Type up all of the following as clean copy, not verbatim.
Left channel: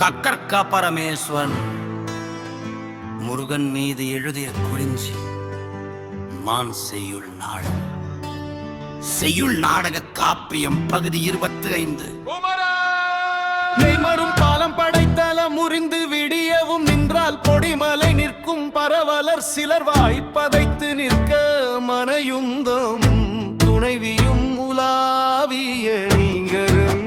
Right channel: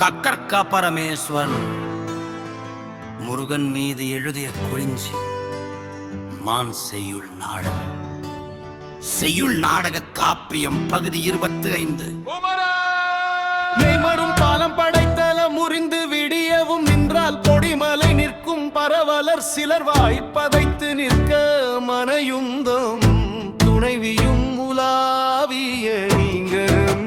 கக்கர்க்கா பரமேஸ்வரன் முருகன் மீது எழுதிய குறிஞ்சி மான் செய்யுள் நாடகம். செய்யுள் நாடக காப்பியம் பகுதி 25. நெய்மரும் பாலம் படைத்தல முறிந்து விடியவும் நின்றால் பொடிமலை நிற்கும் பரவலர் சிலர் வாய்ப்பதைத்து நிற்க மனையுந்தம் துணைவியும் உலாவிய நீங்கரும்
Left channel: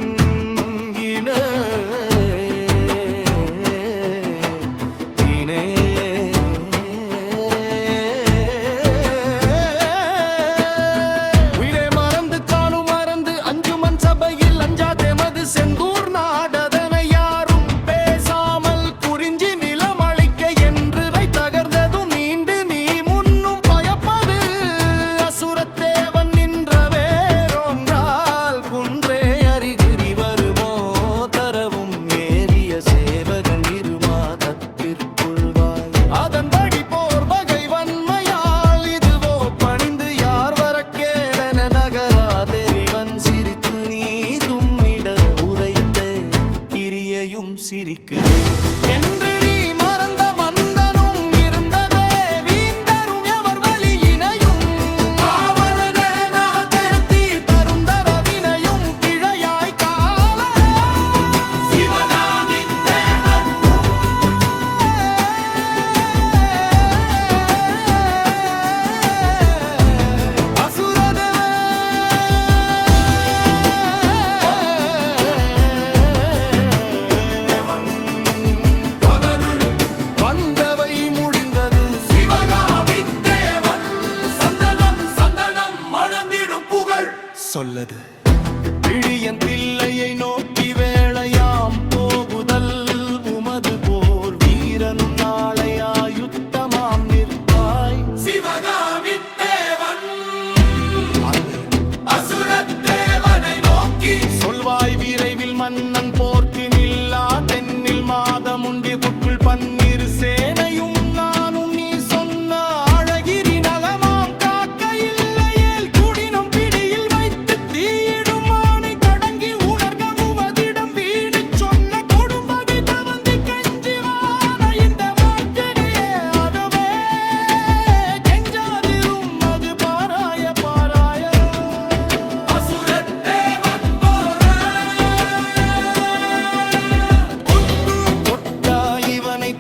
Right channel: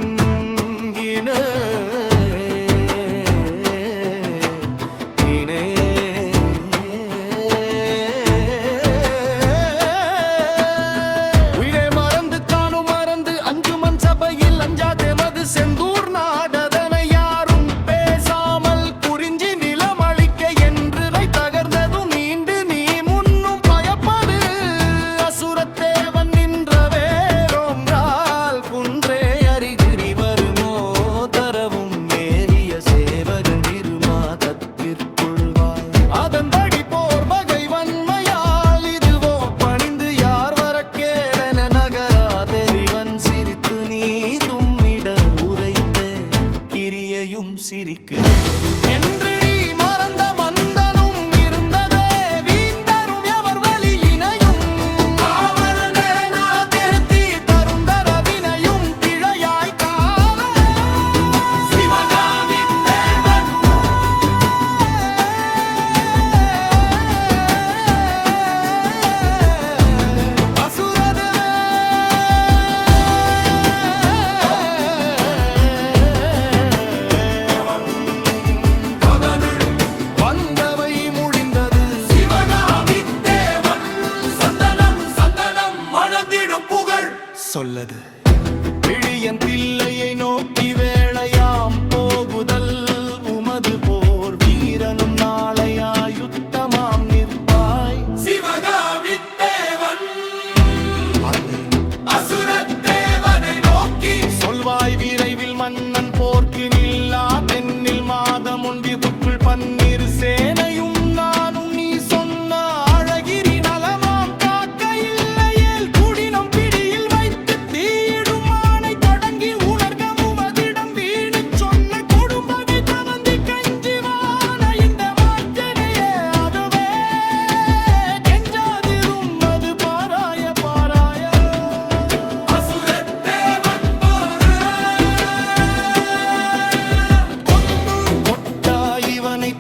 செந்தூர் நாடதனை யாரும் பேசாமல் குறிஞ்சி நிலம் அளிக்க என்று தகர்ந்ததும் நீண்டு நீ முன்னும் பயப்பது அசுரத்தேவன் நின்ற வேறொன்றால் குன்றே அறிகுறி வருமோ தரவும் ஏறிய சேவகன் இருமா தற்பிற்குள்வாய் அதன்படி போர் வகை வன்மையால் இதுவோ பணிந்து யார் வர கேடன நகரா தெரிவன் சிரித்து நீ கிரியையும் சிரிக்குது என்று நீ மறந்த மந்தனும் இருந்ததே வீந்தரும் எவர் வழியினையும் தேர்த்தி தருந்தர வினையும் பிழையாய் கால வந்தவை முடிந்தது சொல்லது பிழியன் பிள்ளையை நோக்கி வேளையாம் போகுதல் உமது போர் வீரனும் நாளையா யுத்தமாம் நிற்பாய் சொல்வாய் விரைவில் மன்னன் போர்க்கு நில்லா தென்னில் மாதம் ஒன்றிற்குள் பன்னீர் சேனையும் நானும் நீ சொன்ன அழகிரி நலமாம் காக்க இல்லையேல் குடினம் பிடியில் வைத்து தீயிடும் ஆணை தொடங்கி உணர்கமுவதிடம் வீடு சொன்ன கொடும்பகை தவந்தி கஞ்சிவான இந்த மாற்றனையே அதுவே கெஞ்சாதிரும் அது பாராய பாராய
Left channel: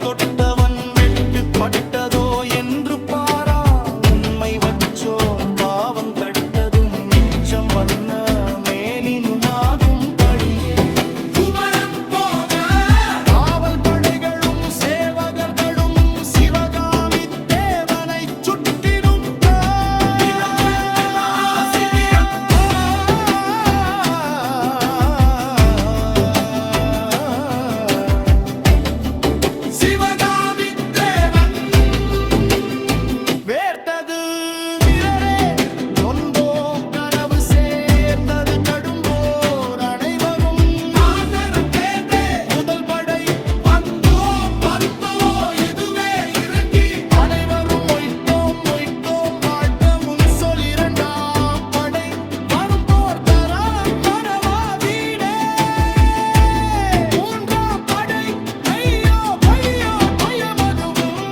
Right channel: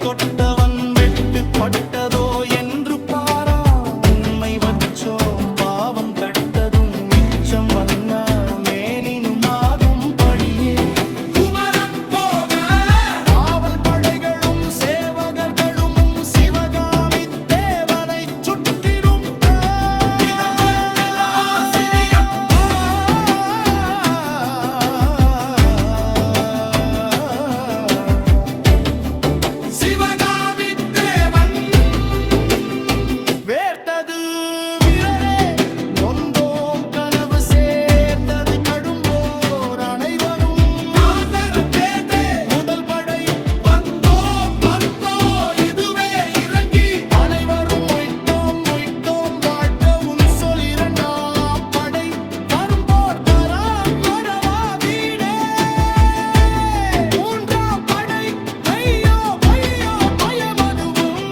தொட்டவன் வெட்டு பட்டதோ என்று பாரா உண்மை வச்சோம் பாவம் தட்டதும் மிச்சம் வந்த மேலினுமாகும் படியே காவல் படைகளும் சேவகர்களும் சிவகாமி தேவனை சுற்றிடும் வேர்த்தது வீரரே நொந்தோம் கனவு சேர்ந்தது கடும்போர் அனைவரும் முதல் படை இதுவே இறங்கி அனைவரும் மொய்த்தோம் வாழ்க்கவும் சொல் இரண்டாம் படை வரும் போர் தரா மரவா வீடே மூன்றாம் படை மையோ பொய்யோ பயமதுவும்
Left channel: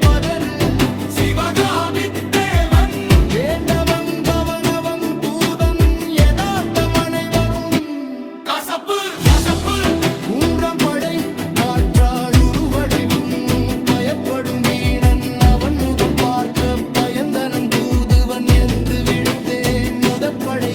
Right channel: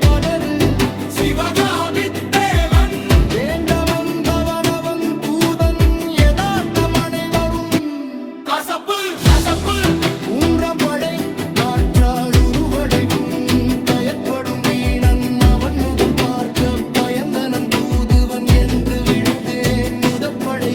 பதறு வேண்ட வந்தவனவன் தூதன் யதார்த்தம் அனைவரும் மூன்றாம் படை மாற்றாடு உருவடைவும் பயப்படும் வீணன் அவன் முகம் பார்க்க பயந்தனன் தூதுவன் என்று விடுத்தேன் முதப்படை